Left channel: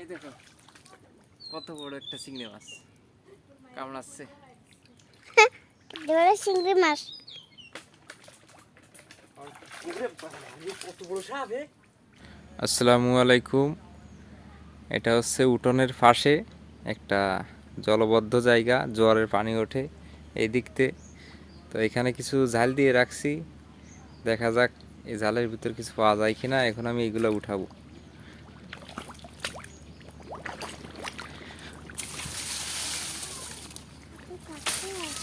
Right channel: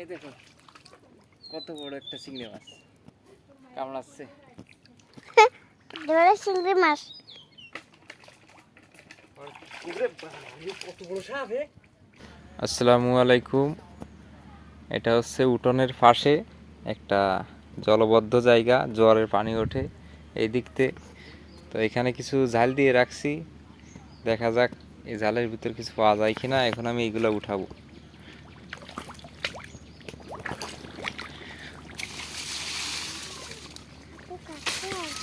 এই দেখো কত বড় একটা চিংড়ি মাছ। কামড়াচ্ছে চিংড়ি মাছ। কত বড় সাপ আসসালামু আলাইকুম। এটা হচ্ছে উঠোনের পাশে একটা জলবদ্ধ জায়গা জোয়ারের পানি ওঠে এই দিকতে। তো এখানে কিছু জাল দিয়ে রাখছি। দেখা যাক এই জালের ভিতর কিছু পাওয়া যায় কিনা। এখন আমি এগুলো উঠাবো।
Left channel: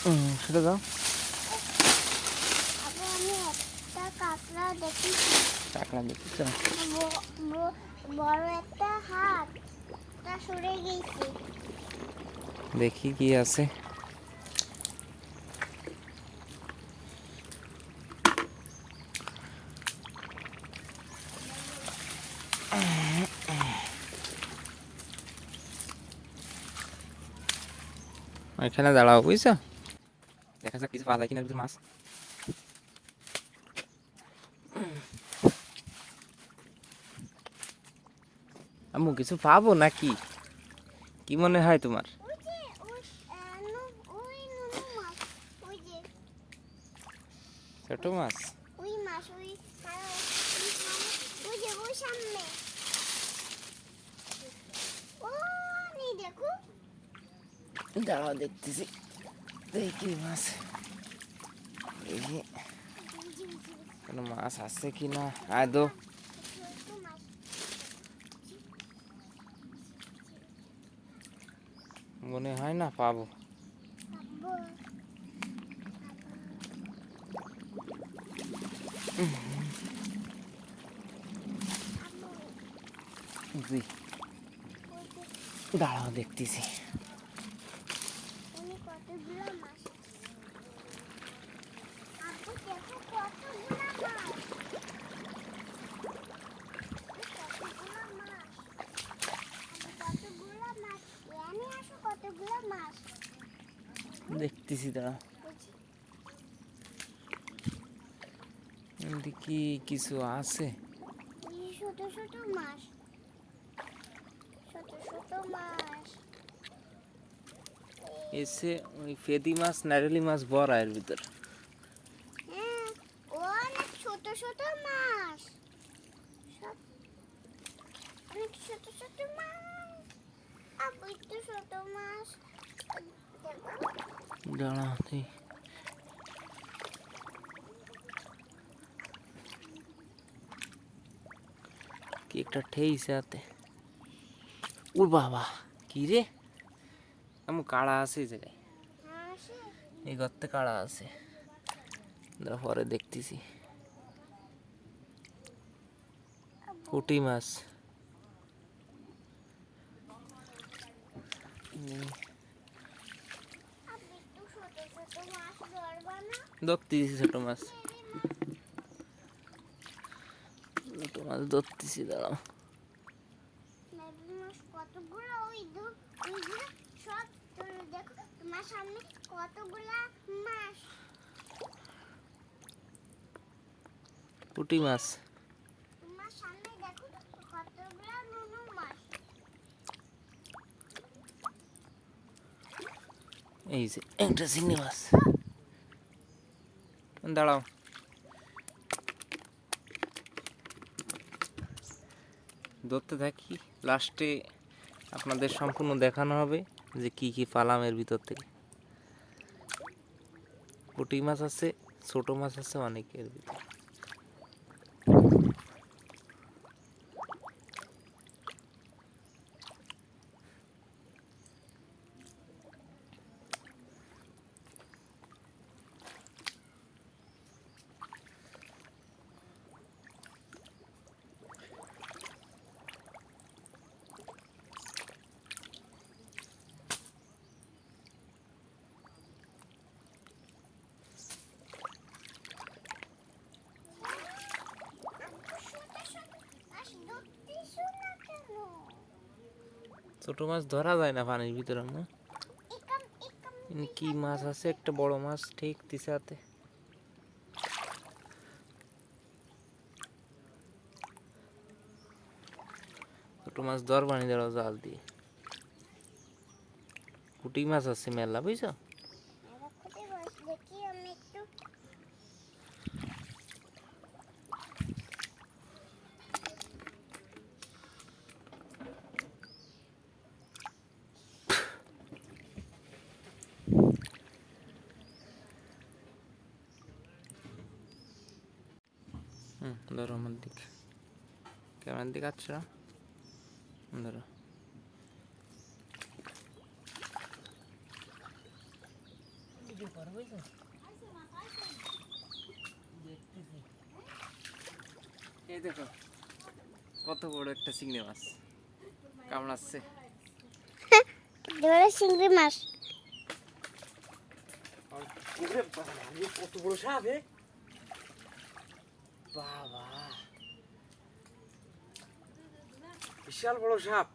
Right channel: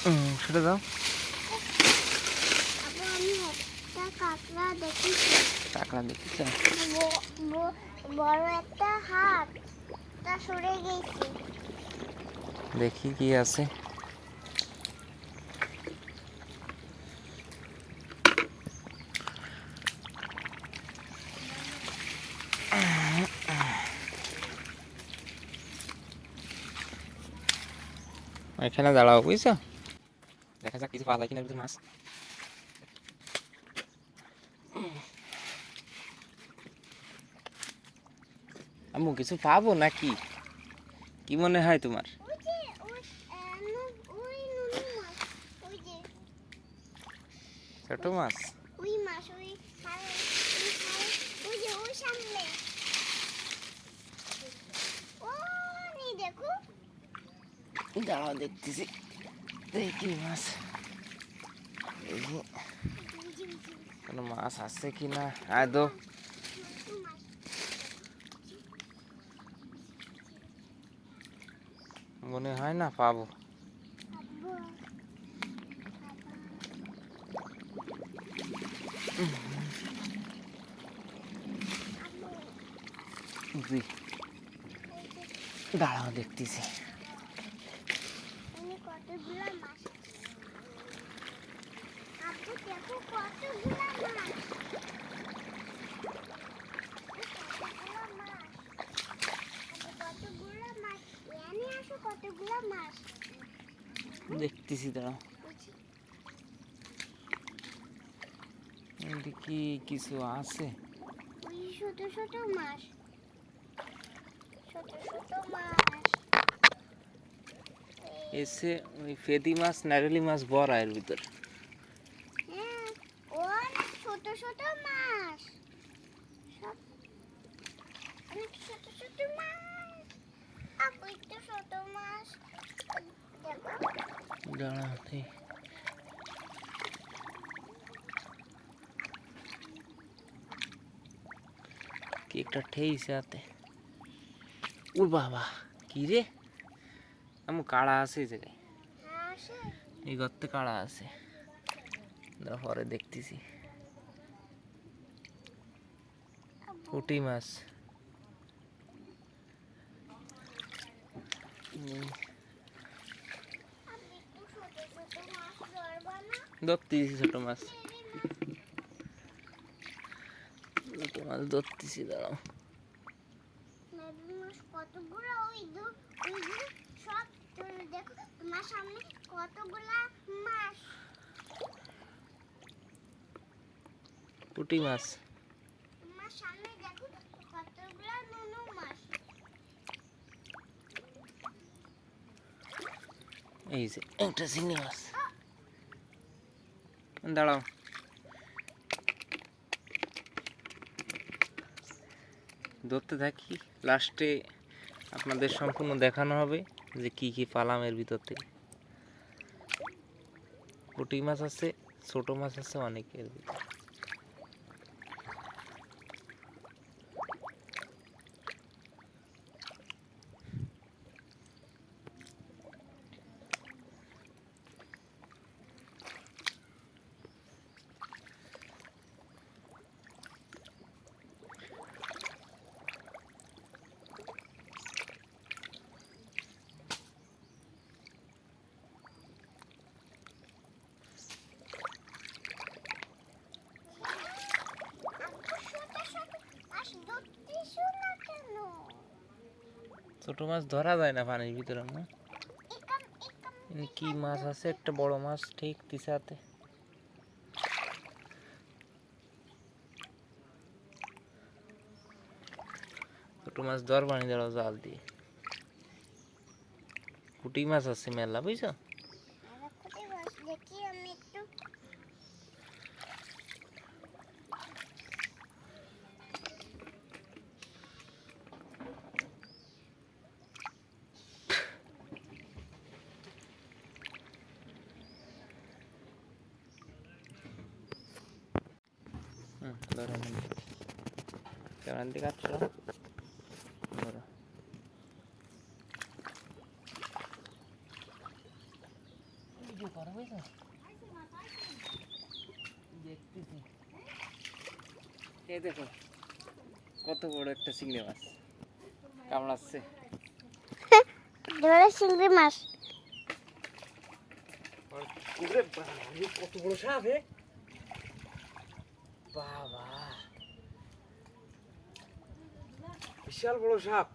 হুম, সেটা দাও। কাঁকড়া দেখি টাকা দেখি ব- ব- বড় একটা হাত সরে গেছে দেখি কি আছে। এখানে দাঁড়াও বুঝছ? দেখা যাক কিছু পাওয়া যায় কিনা মাছ আম্মু কিছু পাবো নাকি কি মনে হয় তোমার ছোট মাছ ওই মাছ ওই ওই সামনে ও দেখো দাঁড়াও দেখতেছি দেখি মাছ কোনো মাছ আছে কি না আদৌ মনে হয় না, পাবো। জি দাঁড়াও, দেখতেছি। কতগুলো মাছ আপু দেখো কতগুলো মাছ এই কতগুলো মাছ আপু কতগুলো মাছ এনে আসো কতগুলো মাছ দেখতেছি বুঝি এদিকে কিছু আছে? ছোট ছোট মাছ এসে ওই ফেদি মাছ নারেলি মাছ বড় এর ভিতর হ্যাঁ অনেক ছোট ছোট মাছ সব অনেক ছোট ছোট মাছ আপু একটু ছোট মাছ দেখো দাঁড়াও দেখি। কি একটা ঠেইছে হাতে ও বাবা কি রে আমি কাড়া আছে এই জায়গায় আসে এই গর্তে কাড়া আছে দাঁড়াও, পরে দেখতেছি পুঁটি মাছ উম, আপনি একটু ছোট ছোট মাছ ধরবা না ধরতেছি ছোট মাছ। ছোট মাছ ধরতেছি দাঁড়াও। পুঁটি মাছ। এই যে একটা চিংড়ি মাছ। দাঁড়াও। ধরতে থাকি লাস্টে আপনাদের সম্পূর্ণ দেখানো হবে যে কি কি পালাম এর ভিতর থেকে। পুঁটি মাছ আছে, ছোট মাছ আছে অনেক এর ভিতর। ছোট মাছ ধরা যায় না পানির ভিতরে কি মাছ আছে? একটা বড় মাছ, ঠিক তিসাতে ছোট মাছ দর পানি দেওয়া জাল দিয়ে। পুঁটি মাছ আছে মেলা, বুঝছ কোথায় বস দেখি আমি একটু হুম ধরো আমার দিকে। কেমন দিকে আচ্ছা ধরো। এই দেখো কত বড় একটা চিংড়ি মাছ। কামড়াচ্ছে ধরে চিংড়ি মাছ। কত বড় সাপ বিশাল বড় সাপ।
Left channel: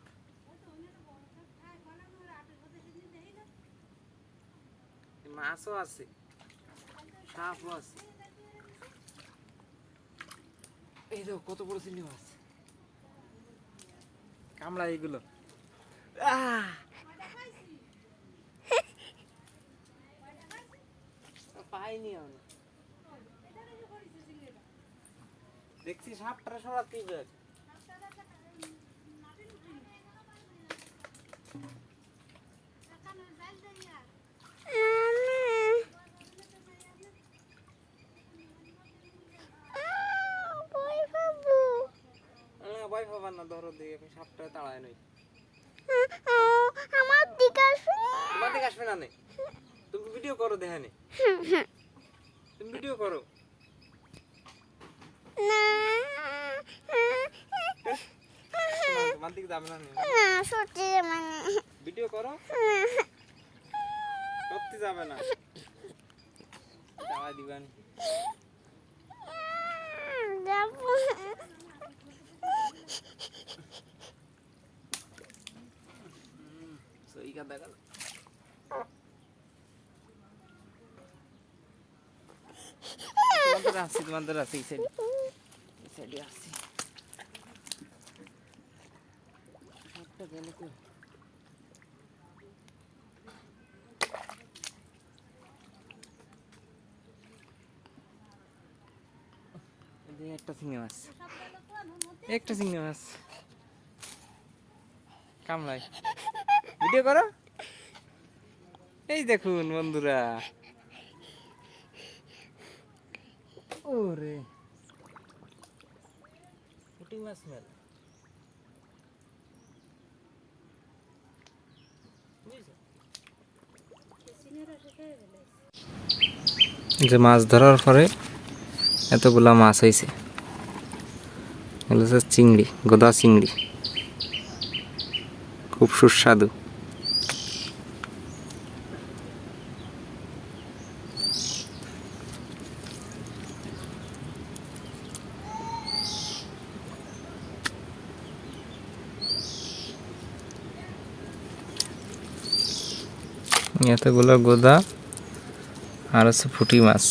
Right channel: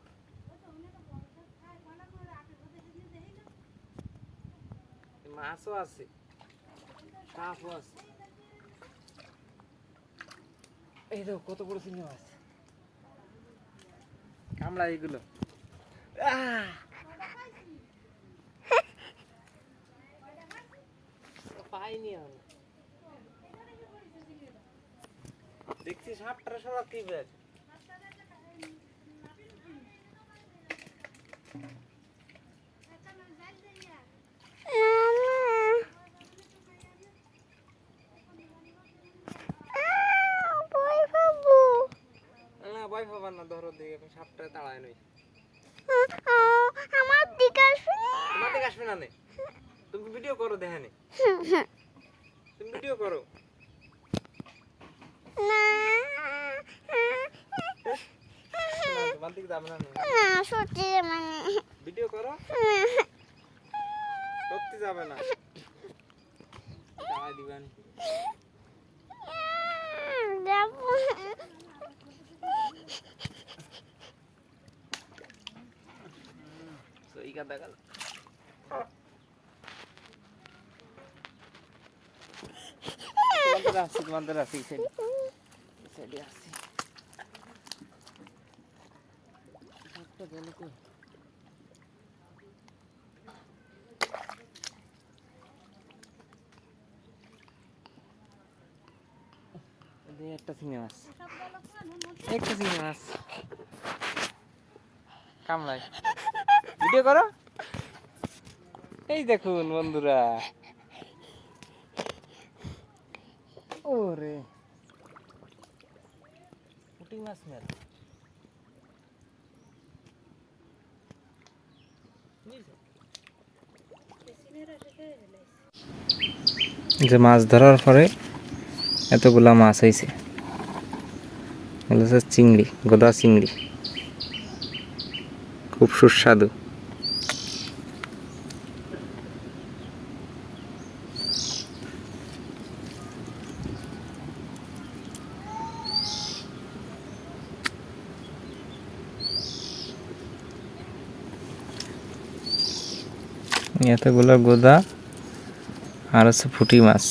মাছও আছে। সাপও আছে। এই দেখো, কত বড় চিংড়ি মাছ। কামড়া এগুলো। পাইনি দেখছি সাপটা সরাতেই বেশ ভয় পাবো না ভয় না দিয়ে এখন সাপটা তাড়ায় নই। আমার দিকে আসবে তোমার দিকে আসবে না তুমি ভিডিও করো দেখে নে। তুমি ভিডিও করো। না। তোমার দিকে যাবে না না। সত্যি মানে ভিডিও করো। সত্যি যাবে না। তাড়াই দিবেন যাব কাদা গেল তোমাদের আসছি তোমাদের একটা চিংড়ি মাছ একটা চিংড়ি মাছ কামলাই ভিডিও করো। এই দেখুন বন্ধুরা। ওরে। পুঁটি মাছ মেল। যে মাছ ধরার পরে এতগুলা মাছ হয়েছে এগুলো চিংড়ি গোদা চিংড়ি। খুব সুস্বাদু। এতগুলো গোদা আর হচ্ছে ফুটি মাছ।